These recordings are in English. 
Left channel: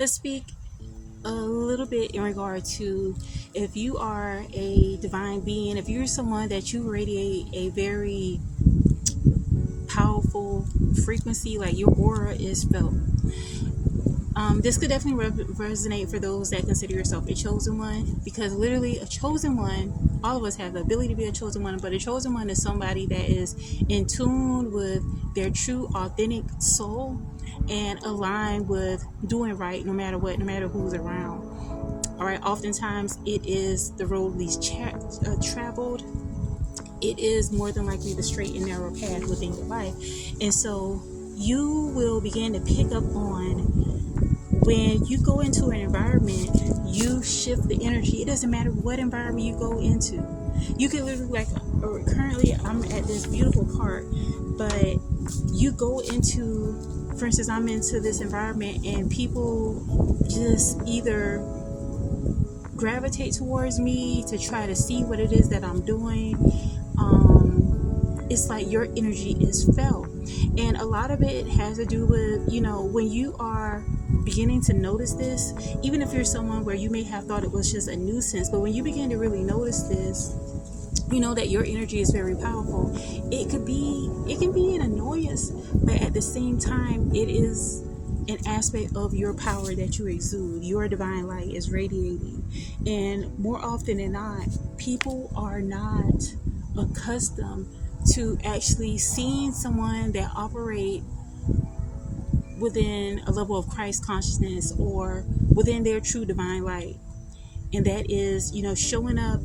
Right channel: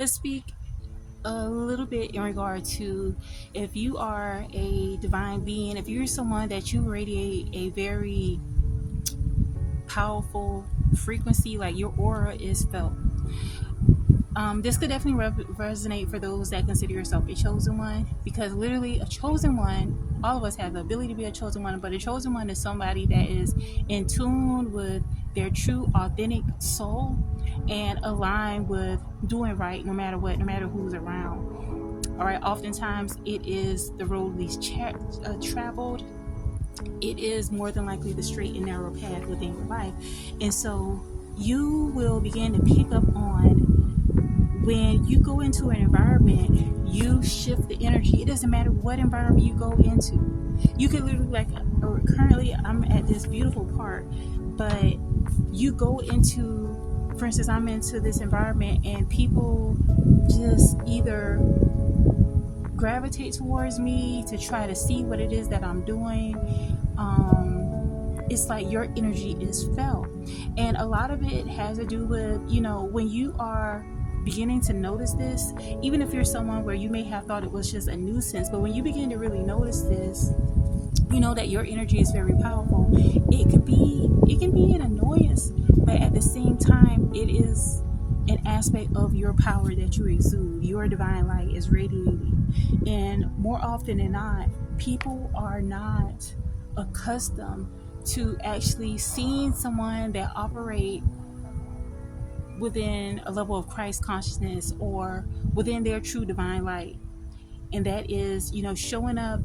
Let's speak a little bit in regard to if you are a divine being, if you're someone that you radiate a very powerful frequency, like your aura is felt. This could definitely resonate for those that consider yourself a chosen one, because literally a chosen one, all of us have the ability to be a chosen one, but a chosen one is somebody that is in tune with their true authentic soul and aligned with doing right no matter what, no matter who's around. All right, oftentimes it is the road least traveled. It is more than likely the straight and narrow path within your life. And so you will begin to pick up on when you go into an environment, you shift the energy. It doesn't matter what environment you go into. You can literally, like, currently I'm at this beautiful park, but you go into, for instance, I'm into this environment and people just either gravitate towards me to try to see what it is that I'm doing. It's like your energy is felt. And a lot of it has to do with, when you are beginning to notice this, even if you're someone where you may have thought it was just a nuisance, but when you begin to really notice this, you know that your energy is very powerful. It can be an annoyance, but at the same time, it is an aspect of your power that you exude. Your divine light is radiating. And more often than not, people are not accustomed to actually seeing someone that operate within a level of Christ consciousness or within their true divine light. And that is, showing up,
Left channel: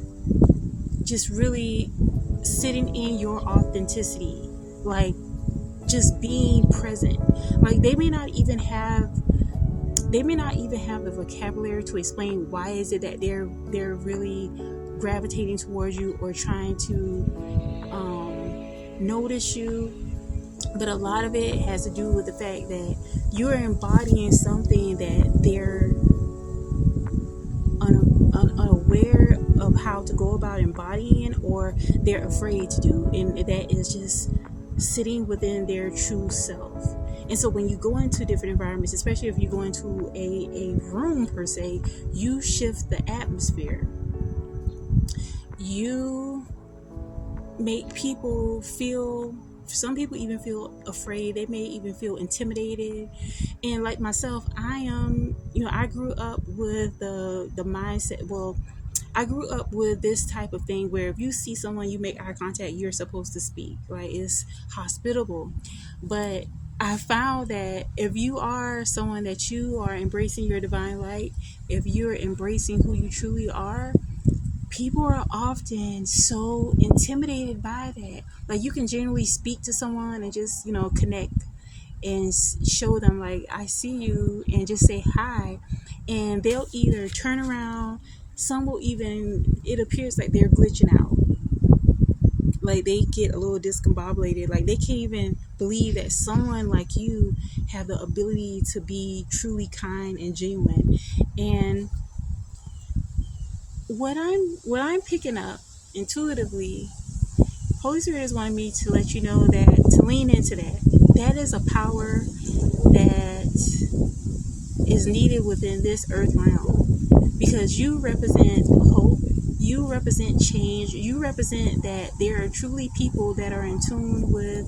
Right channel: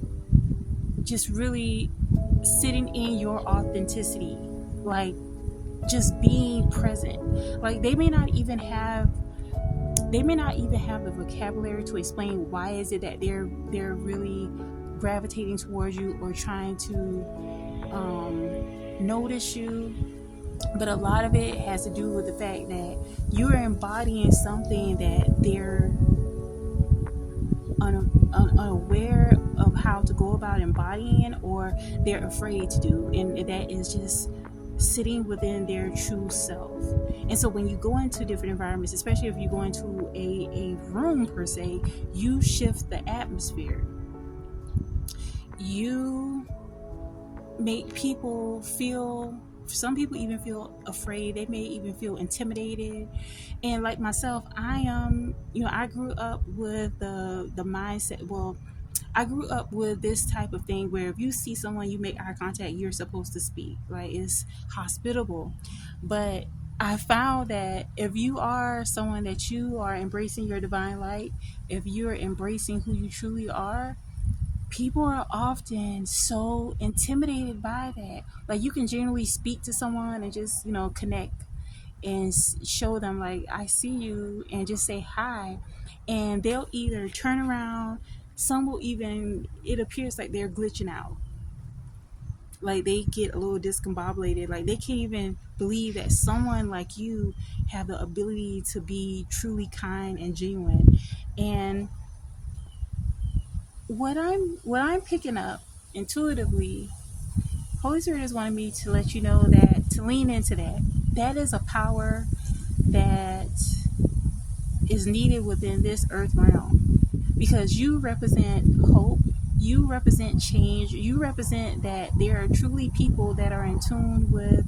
just really sitting in your authenticity, like just being present. Like they may not even have the vocabulary to explain why is it that they're really gravitating towards you or trying to notice you. But a lot of it has to do with the fact that you're embodying something that they're unaware of how to go about embodying, or they're afraid to do, and that is just sitting within their true self. And so when you go into different environments, especially if you go into a room per se, you shift the atmosphere. You make people feel, some people even feel afraid. They may even feel intimidated. And like myself, I grew up with the mindset, I grew up with this type of thing where if you see someone, you make eye contact, you're supposed to speak, right? It's hospitable. But I found that if you are someone that you are embracing your divine light, if you're embracing who you truly are, people are often so intimidated by that. Like you can generally speak to someone and just, connect and show them like, I see you, and just say hi. And they'll either turn around, some will even, it appears like they're glitching out. Like they get a little discombobulated. Like they can't even believe that someone like you have the ability to be truly kind and genuine. And what I'm picking up intuitively, Holy Spirit is wanting me to let you know that, to lean into that is a power that is needed within this earth realm, because you represent hope, you represent change, you represent that there are truly people that are in tune with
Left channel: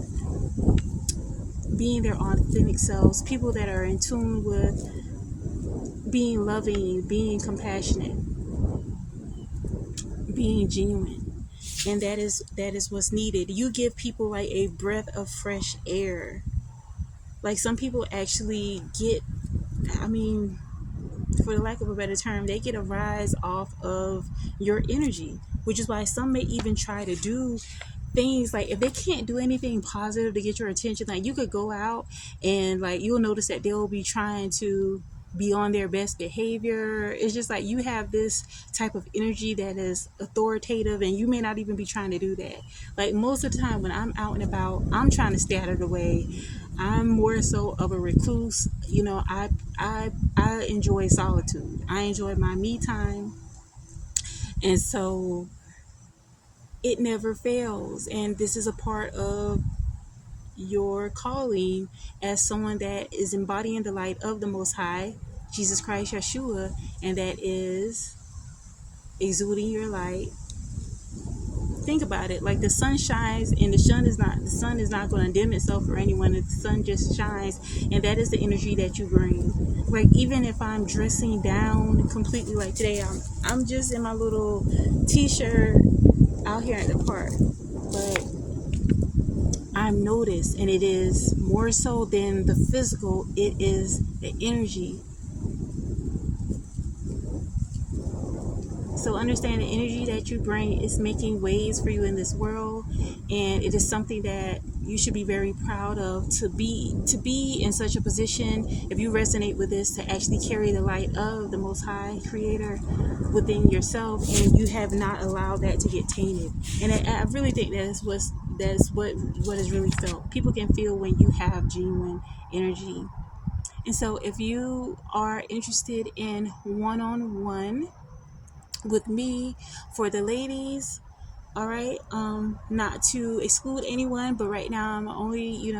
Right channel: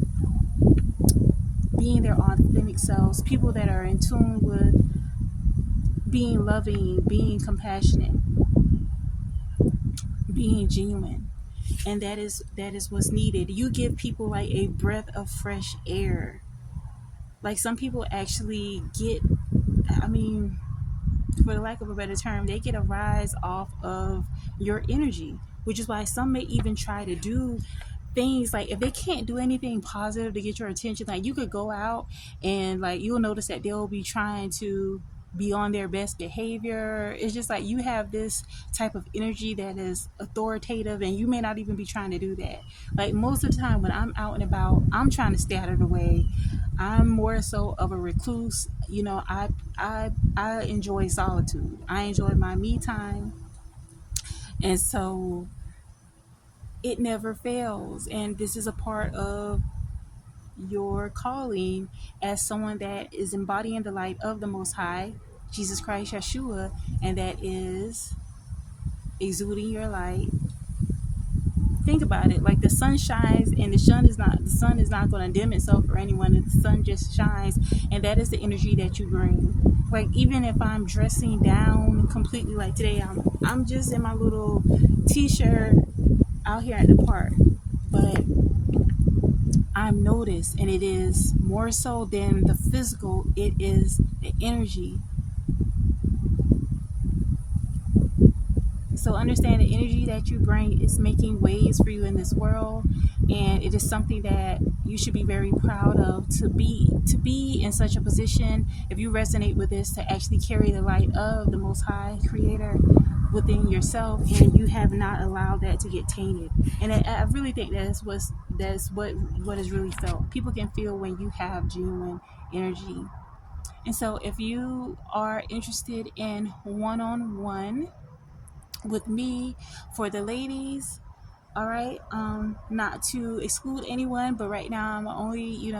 being their authentic selves, people that are in tune with being loving, being compassionate, being genuine. And that is what's needed. You give people like a breath of fresh air. Like some people actually get, for the lack of a better term, they get a rise off of your energy, which is why some may even try to do things like, if they can't do anything positive to get your attention, like you could go out and like you'll notice that they'll be trying to be on their best behavior. It's just like you have this type of energy that is authoritative, and you may not even be trying to do that. Like most of the time when I'm out and about, I'm trying to stay out of the way. I'm more so of a recluse. I enjoy solitude. I enjoy my me time. And so it never fails. And this is a part of your calling as someone that is embodying the light of the Most High, Jesus Christ, Yeshua, and that is exuding your light. Think about it. Like the sun shines, and the sun is not going to dim itself for anyone. The sun just shines, and that is the energy that you bring. Like even if I'm dressing down completely, like today, I'm just in my little t-shirt out here at the park, but I'm noticed, and it is more so than the physical. It is the energy. So understand the energy that you bring is making waves for you in this world, and it is something that you should be very proud of, to be in such a position, if you resonate with this, to actually carry the light of the Most High Creator within yourself, and you have not allowed that to get tainted. And I really think that's what is really felt. People can feel when you have genuine energy. And so if you are interested in one-on-one with me, for the ladies, all right, not to exclude anyone, but right now I'm only,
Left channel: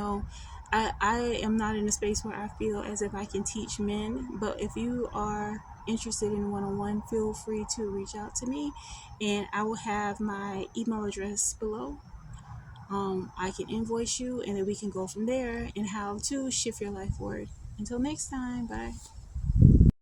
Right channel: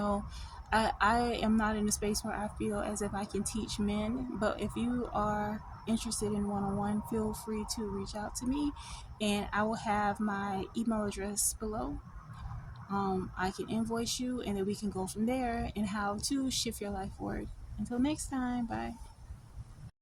I am not in a space where I feel as if I can teach men. But if you are interested in one-on-one, feel free to reach out to me, and I will have my email address below. I can invoice you, and then we can go from there and how to shift your life forward. Until next time, bye.